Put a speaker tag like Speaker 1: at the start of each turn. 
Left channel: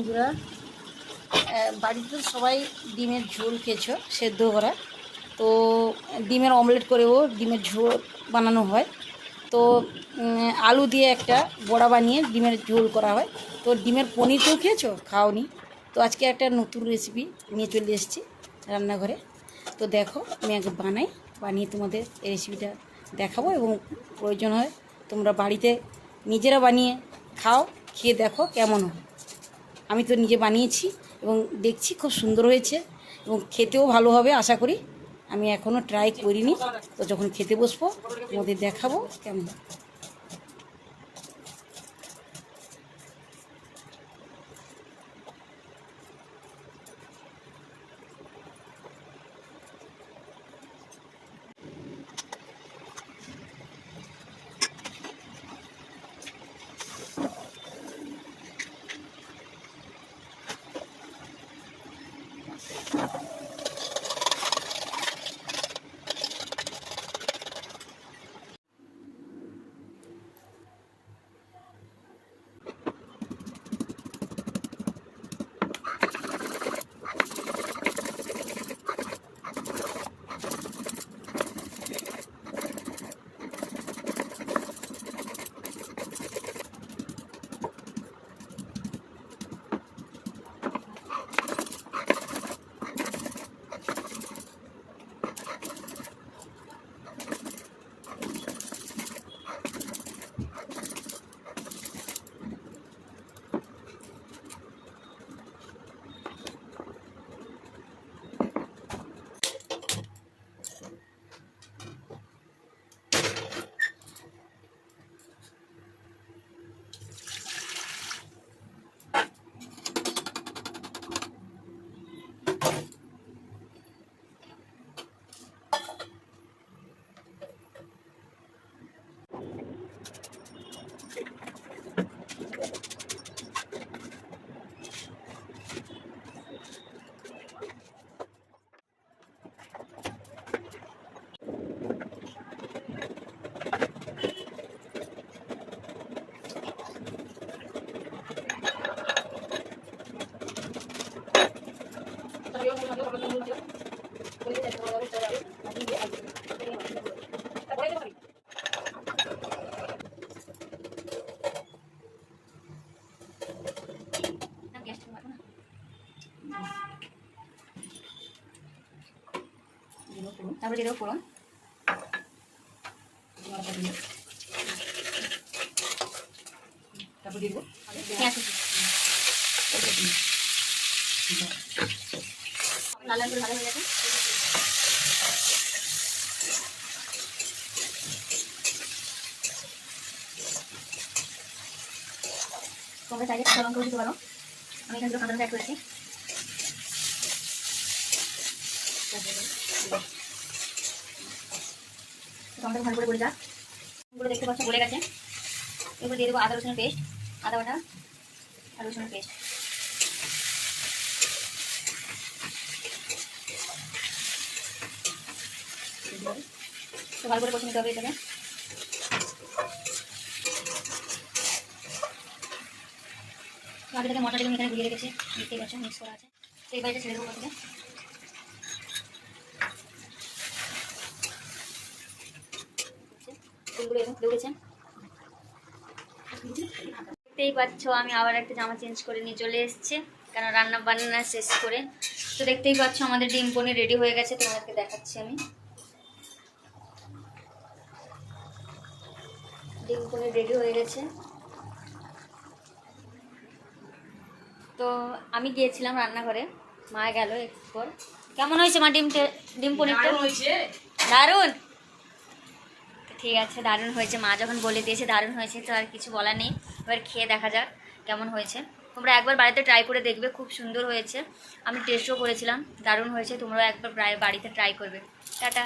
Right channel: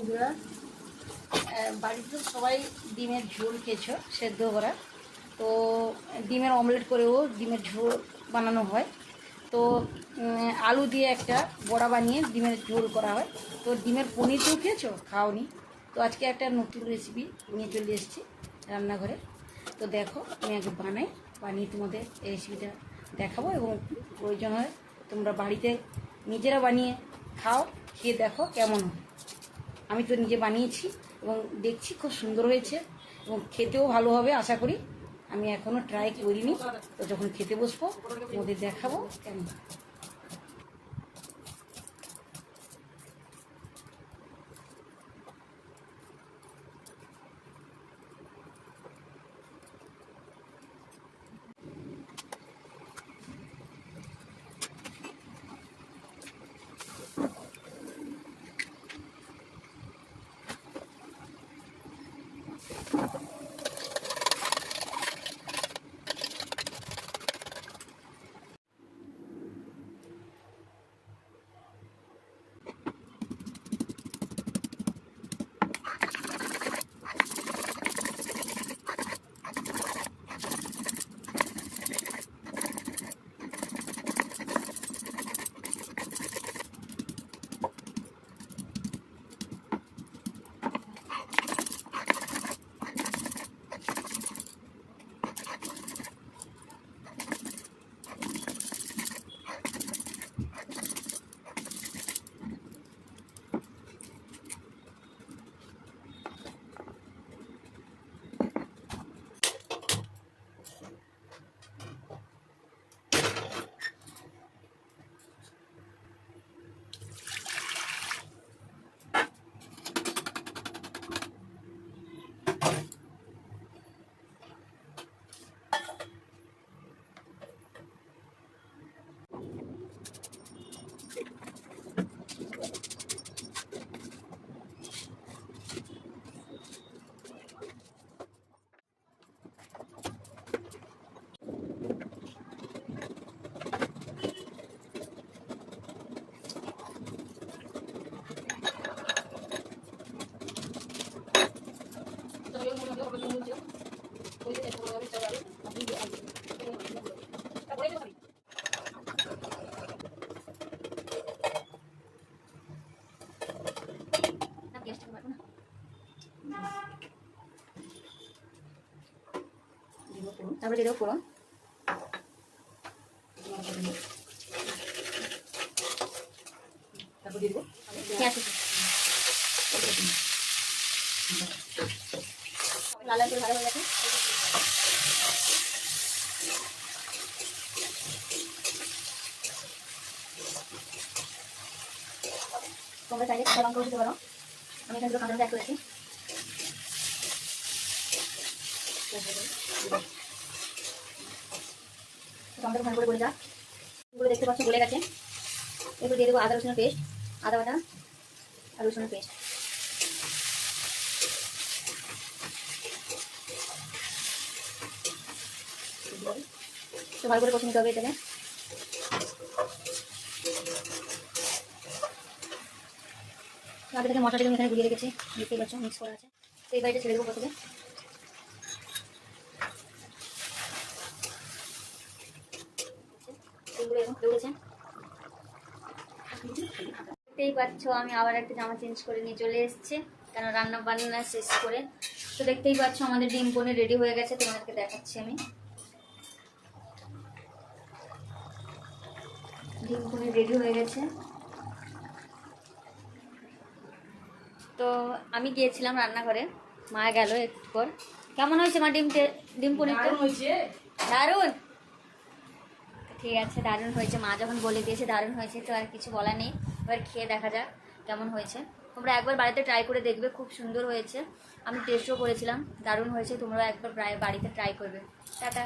Speaker 1: বন্ধুরা বাড়িতে সবাই ডিমের ঝোল খেয়েছো, সেদ্ধ করা। তো ডিমের অমলেট করেও ডিমের ঝোল বানানো হয়। তো আলু দিয়ে একটা বড়া বানিয়ে ডিমের ঝোল করা হয়। তো ডিমের পনির তো খেয়েছো? খাওনি। তো আজকে একটা নতুন রেসিপি নিয়ে চলে এসেছি রান্নাঘরে। তো দেখো, আমি আগে বানাই, বানিয়ে তোমাদের এই রেসিপিটা দেখাবো এবং প্রয়োজন হয় তোমরা বাড়িতে নিজেরা বানিয়ে খাও, খেয়ে দেখো কেমন হয়। আমি তো নিজে বানিয়েছি এবং দেখছি খুব সুন্দর হয়েছে এবং খেতেও ভালো হবে, আশা করি। আমি এখনও ট্রাই করিনি, তো যখন খেতে বসবো, তোমাদের দেখাবো কেমন। Thank you.
Speaker 2: তারপরে দিয়ে দেবো ফোড়ন
Speaker 1: তারপর দেখব।
Speaker 2: পেঁয়াজ কুচি। লাল লাল করে ভাজা হয়ে গেছে। তোমরা চাইলে কাঁচা লঙ্কাও দিতে পারো। আমি এখানে কাঁচা লঙ্কা অ্যাড করেছি। টমেটো ভালো করে বলে যাক। এগুলো দেখতে পাচ্ছ গলে গেছে। এরপর দিয়ে দেবো আদা, রসুনের পেস্ট। আদা বাটা আর রসুনের পেস্ট। তো ভালো করে কষে হবে এখানে আগে এখানে গুলিয়ে রেখেছি। দেখতেই পাচ্ছ মিক্স করা আছে। তো এই বাড়িটা ছেড়ে দেবো প্রথমে। ফুলগুলো এরকম ফুলে উঠেছে দেখতেই পাচ্ছ আমি আবার একটা জামা চেঞ্জ করে নিয়ে চলে এসেছি কেন রান্না বান্না শেষ করে। তো দেখতেই পাচ্ছ আমাদের ডিম পনির রেডি হয়ে গেছে তোমাদেরকে দেখাচ্ছি আমি। ডিম পনির রেডি হয়ে গেছে। তো আমি গিয়েছিলাম রান্নাঘরে মা গেল একটু পর। কেমন হয়েছে মা ডিম ডিম
Speaker 1: হয়েছে।
Speaker 2: দারুণ! ঠিক আছে, দারুণ হয়েছে। মা যখন বলে দিয়েছে দারুণ হয়েছে, তো আর কিছু বলা নেই। এবার খেয়ে দেখা যাক কেমন হয়েছে। তোমরা একবার বাড়িতে ট্রাই করে দেখবে, খুব সুন্দর হয়েছে। আমি টেস্টও করেছিলাম, দারুণ হয়েছে। তোমরাও একবার বাড়িতে ট্রাই করবে। টাটা।